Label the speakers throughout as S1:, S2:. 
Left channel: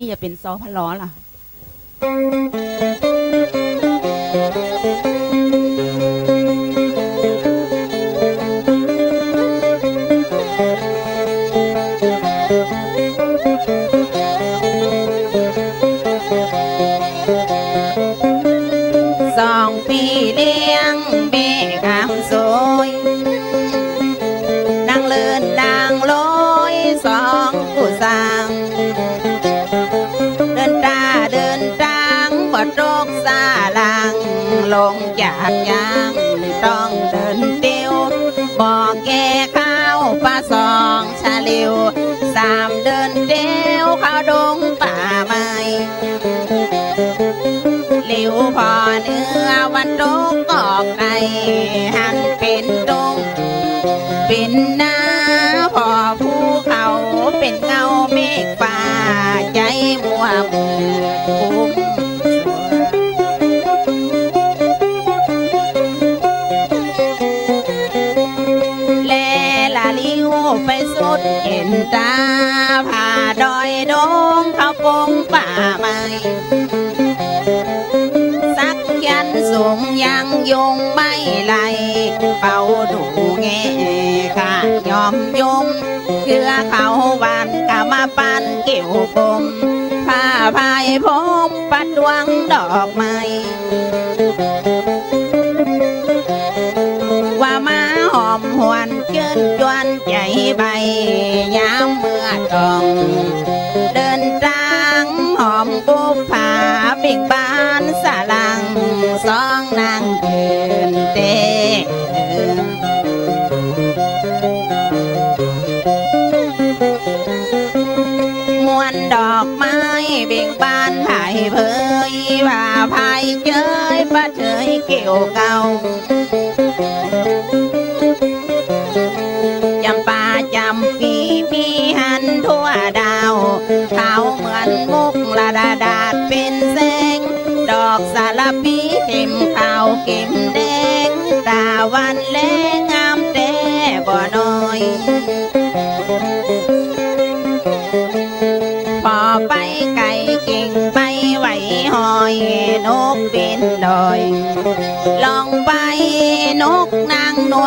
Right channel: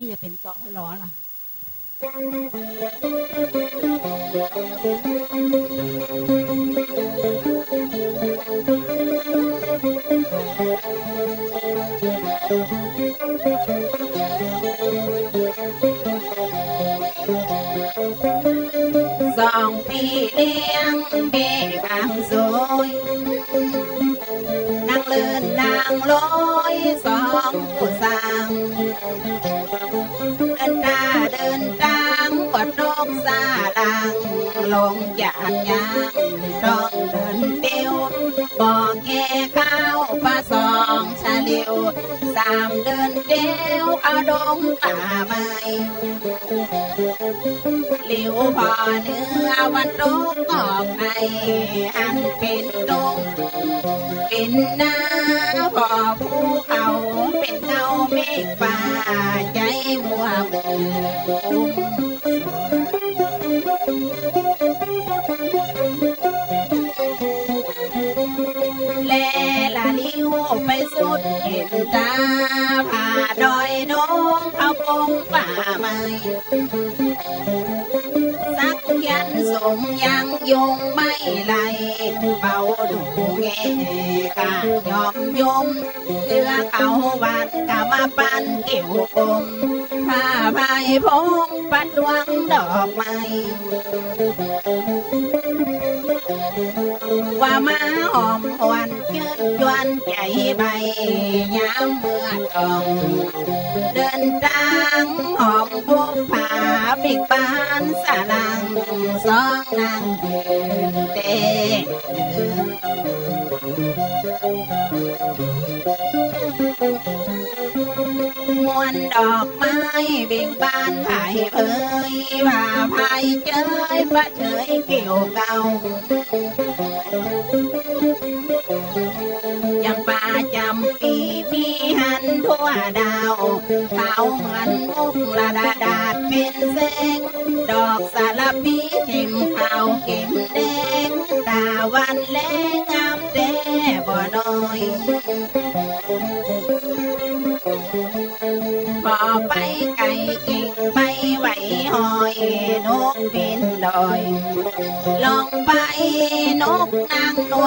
S1: นี่จะเป็นซอพะล้อล่ะ สองพี่เลี้ยง สามเดิ เป่าดูแงข้ายอมยมเกือเขาวันกะมาปันเกี่ยวปมผ้าพายพมปัดดวงดอกไม้ว่ามาหอมหวนเกินจวนใจใบยามเมื่อตองเดินทางหอมบุพผาเบ่งบานสลังสองนางยืนเต ม้เบ่งบานไผ่เพ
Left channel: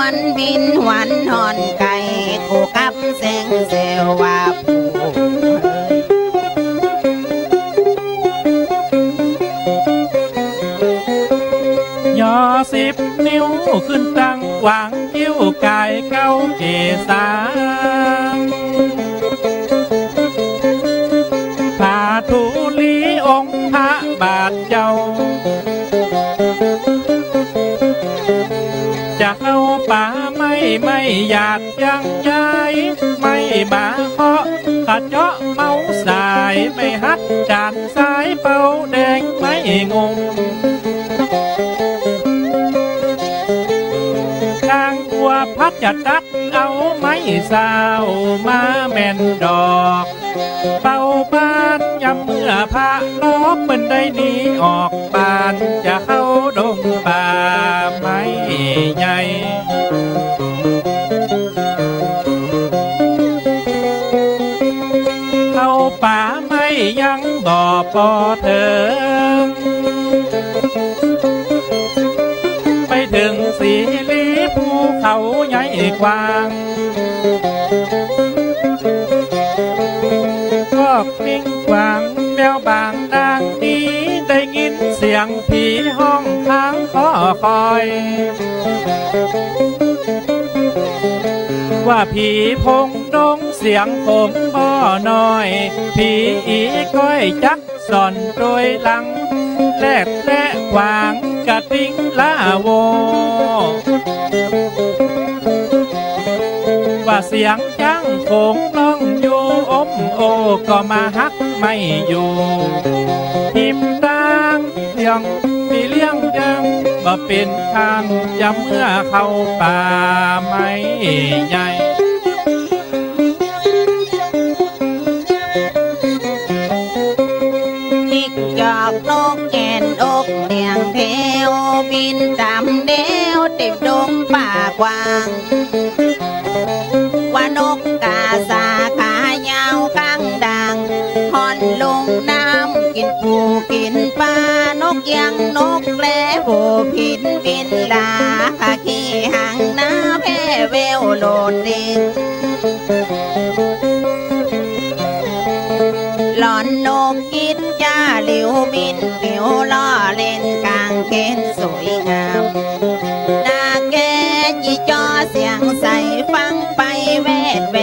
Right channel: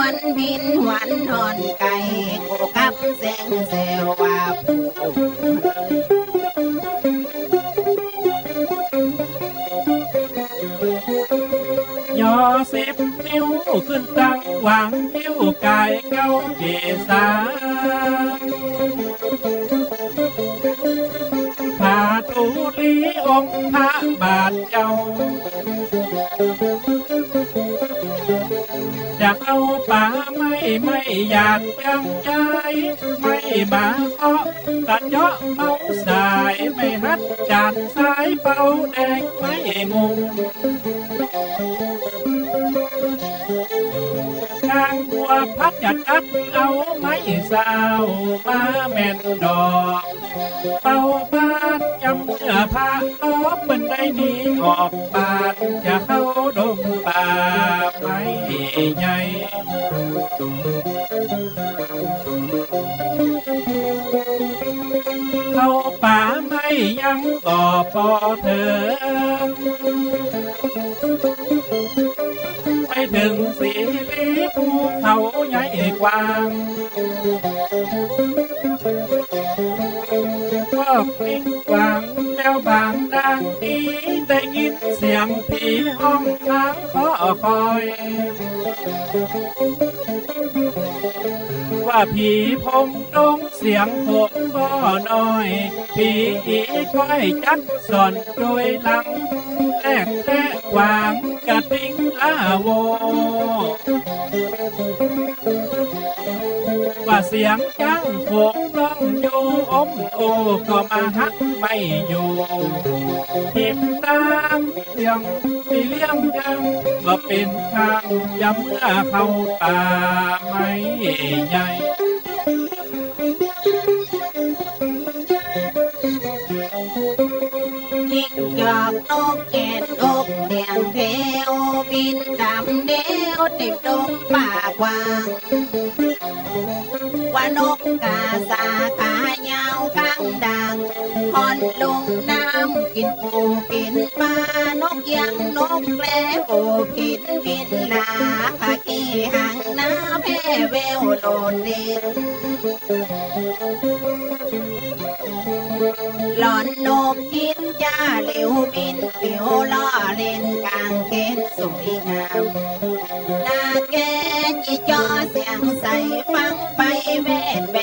S1: างนวลบินหวันหอนไก่กูกับเสงเซวว่าผู้เย
S2: อสิบนิ้วขึ้นตั้งวางยิ้วกายเก้าเกษาพาทูลีองค์พระบาทเจ้า เข้าป่าไม่ไม่อยากยังย้ายไม่มาเคาะขัดเจาะเมาสายไม่ฮัดจานสายเป่าแดงไม่งุมนางบัวพัดจะตัดเอาไม้สาวมาแม่นดอกเป่าบ้านยับเมื่อพาล้อเป็นได้หนีออกบานจะเข้าดงป่าไม้ ใหญ่เข้าป่าไม่ยังบ่อปอเถิงไปถึงสีลีภูเขาใหญ่กว้างพวกนิ่งกวางแมวบางดังนี้ได้ยินเสียงผีห้องค้างขอคอย ว่าผีพงดงเสียงผมบ่น้อย ผีอีก้อยจักสอนโดยหลัง แลกแลกวางกระทิงลาโว ว่าเสียงจังคงร้องอยู่อมโอก็มาฮักไม่อยู่ทิม ดังเสียงมีเลี้ยงยังบ่เป็นทางจำเมื่อเข้าป่าไม่ใหญ่
S1: จิกจอกนกแกนอกเลียงแถวบินตามแนวเต็มดงป่ากว้างว่านกกาสาขายาวข้างดังฮอนลงน้ำกินปูกินปลาน กยังนกแปลผูผินบินลาขะขี้หางน้าแพ่เววโลดด้งหลอนนกกิดจ้าหลิวบินปิวล่อเล่นกลางเขนสวยงามนาแกจีจอเสียงใสฟังไปแวดแว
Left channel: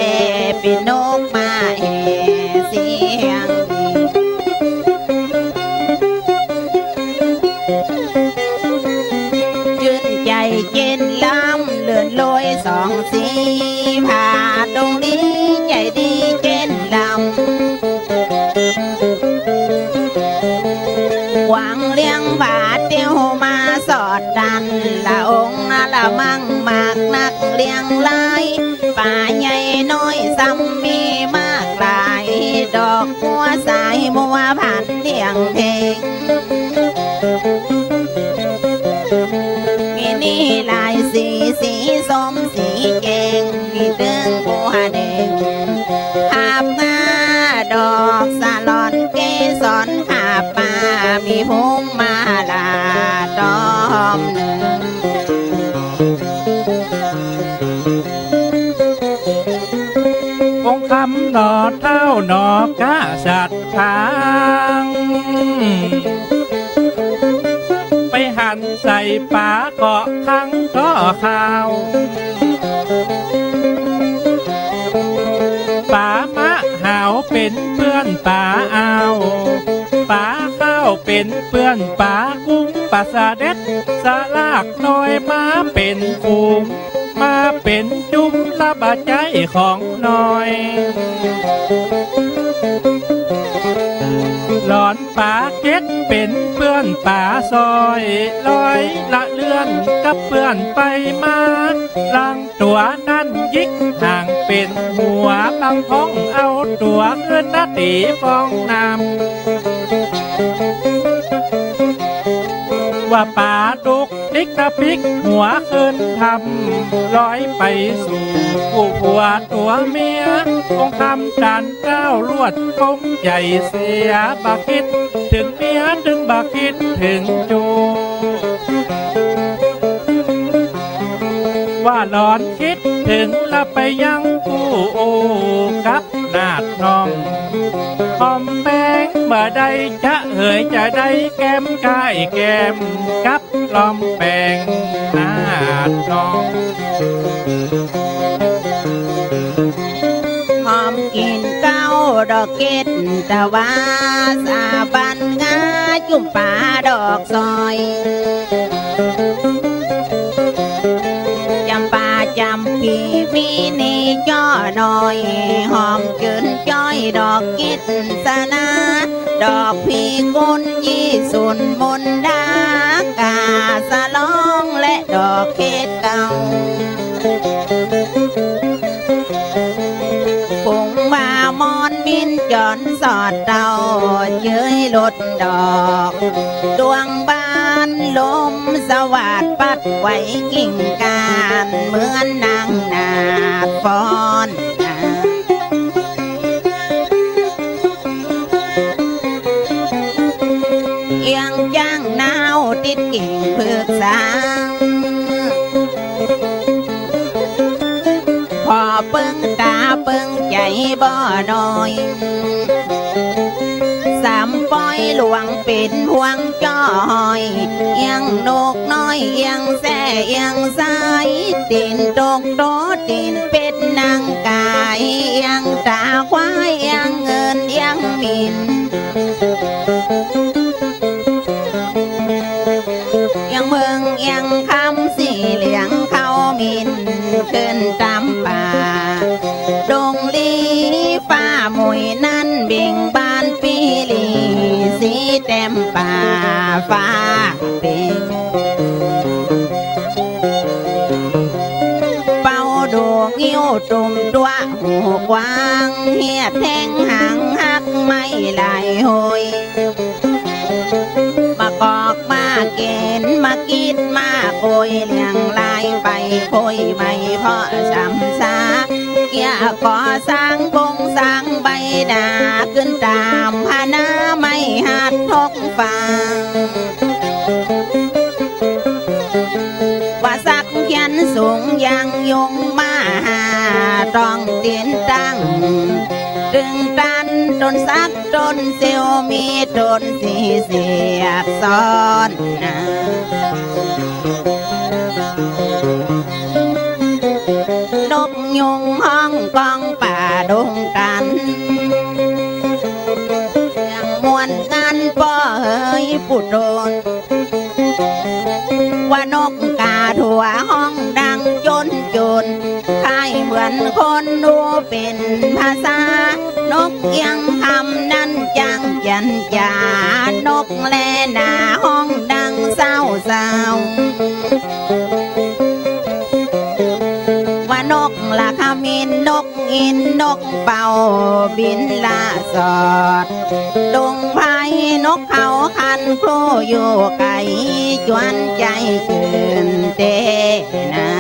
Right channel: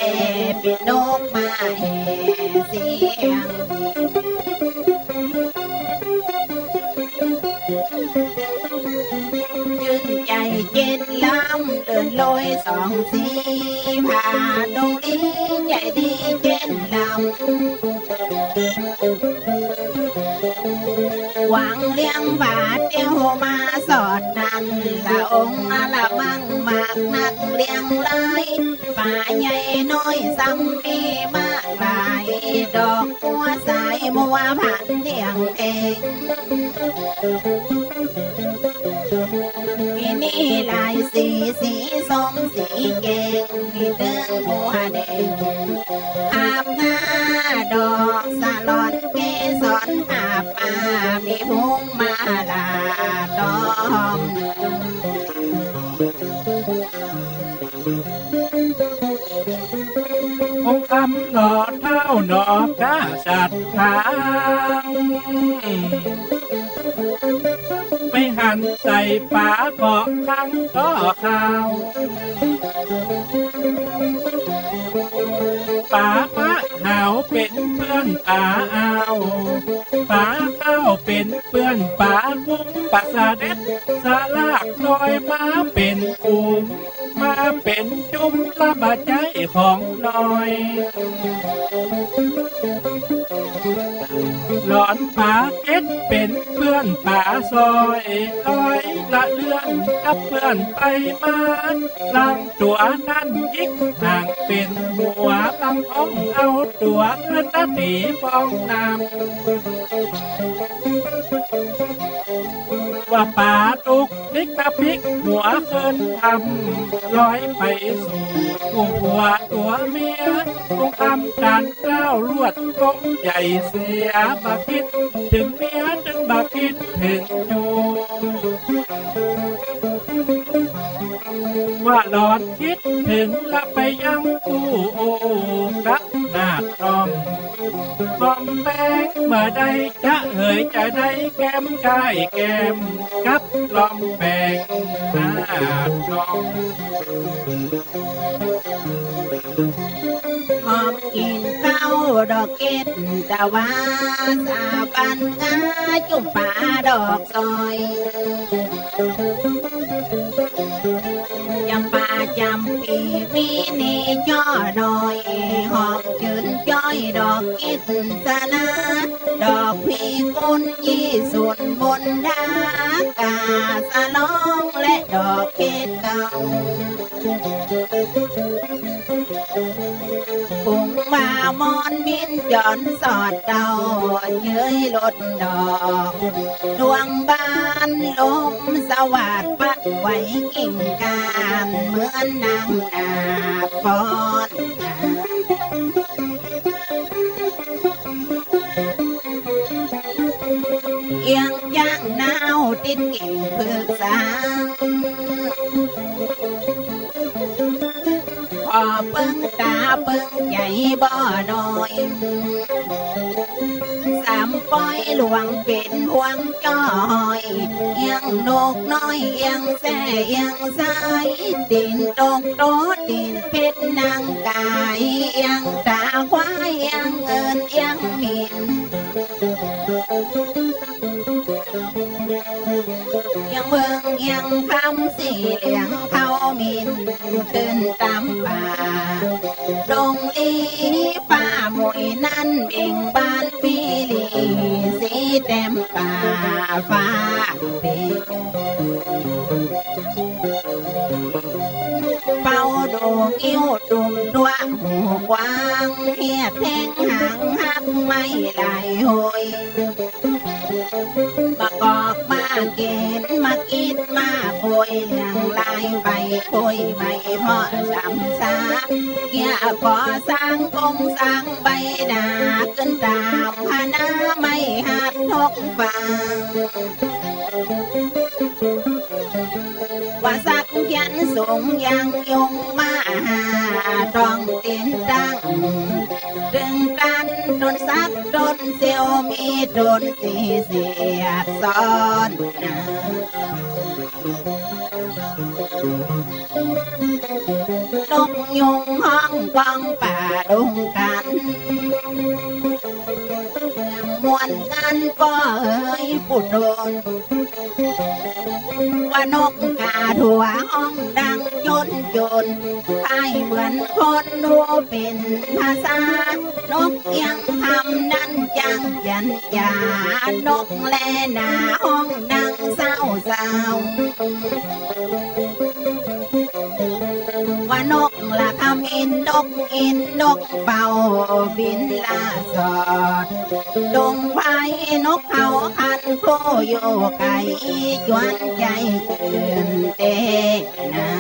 S1: เป็นนกมาืนใจเย็นล้ำเลือดลอยสองสีผ่าดงลีใจดีเจนลำหวังเลี้ยงบาทเตียวมาสอดดันละองค์ละมั่งมากนักเลี้ยงลายป่าใหญ่น้อยซ้ำมีมากหลาย ดอกบัวสายบัวผ่าน เป็นเพื่อน
S2: ป่าเอาป่าข้าวเป็นเพื่อนป่ากุ้งป่าสะเด็ดสาลากลอยมาเป็นฟูงมาเป็นจุ้มละบาดใจของน้อย อนป่าเก็ดเป็นเพื่อนป่าซอยลอยละเลื่อนกับเพื่อนไปมาลังตัวนั่นยิกห่างเป็นหัวบางพงเอาตัวเลื่อนนาตีฟองน้ำ ว่าป่าดุกดิกกระปิกหัวขึ้นทำลอยไปสู่ผู้ผัวตัวเมียคงทำจานเจ้าลวดกงใหญ่เสียบาคิด ถึงเมียถึงบาคิดถึงโจว่าหลอนคิดถึงและไปยังกูโอกับนาดทองหอมแป้งเมื่อใดจะ อ่ยจะได้แก้มกายแก้มกับลอมแปงหน้าทอง
S1: หอมกินเก้าดอกเกตตะวาสาบันงาจุ่มป่าดอกซอยจำปาจำปีมีนี่จ้อหน่อย หอมจืนจ้อยดอกกิดสนา ดอกพีกุนยี่สุนบนดากาสะลองและดอกเกตเก่าปุ่งมามอนบินจอนสอดเดาเย้ยลดดอก ดวงบ้านลมสวัสดปัดไว้กิ่งการเหมือนนางนาฟ้อน เอียงจ้างนาวติดกิ่งเพิกสาพอเปิ้งตาเปิ้งใจบ่น้อยสามปอยหลวงเป็นพวงจ้อยเอียงนกน้อยเอียงแซ่เอียงสายตีนตกโตตีนเป็ดนางกายเอียงตาควายเอียงเงินเอียงมิน ขึ้นตามป่าดงลีฟ้ามวยนั่นเบ่งบานปีลีสีเต็มป่าฟ้าเป็นเป่าดูงิ้วตุ่มตัวหูกว้างเหียดแทงหางหักไม่ไหลโหยมากอกมาเกณฑ์มากิดมาโคยเลี้ยงลา ไปโคยไม่เพราะช้ำซาเกิอย่าก่อสร้างบงสร้างใบหน้าขึ้นตามพนาไม่หัดทกฟังว่าสักเขียนสูงยังยงมาหาต้องดินตั้งดึงกันจนสักจนเซียวมีจนสีเสียดซ้อนนะ โดน ว่านกกาถั่วห้องดังยนจนคล้ายเหมือนคนดูเป็นภาษา นกเอียงคำนั้นจังจันจานกแลหนาห้องดังเศร้าเศร้า นนกอินนกเป่าบินลาสอดลุงไฟนกเขาคันครูอยู่ไกลจวนใจเกินเตนา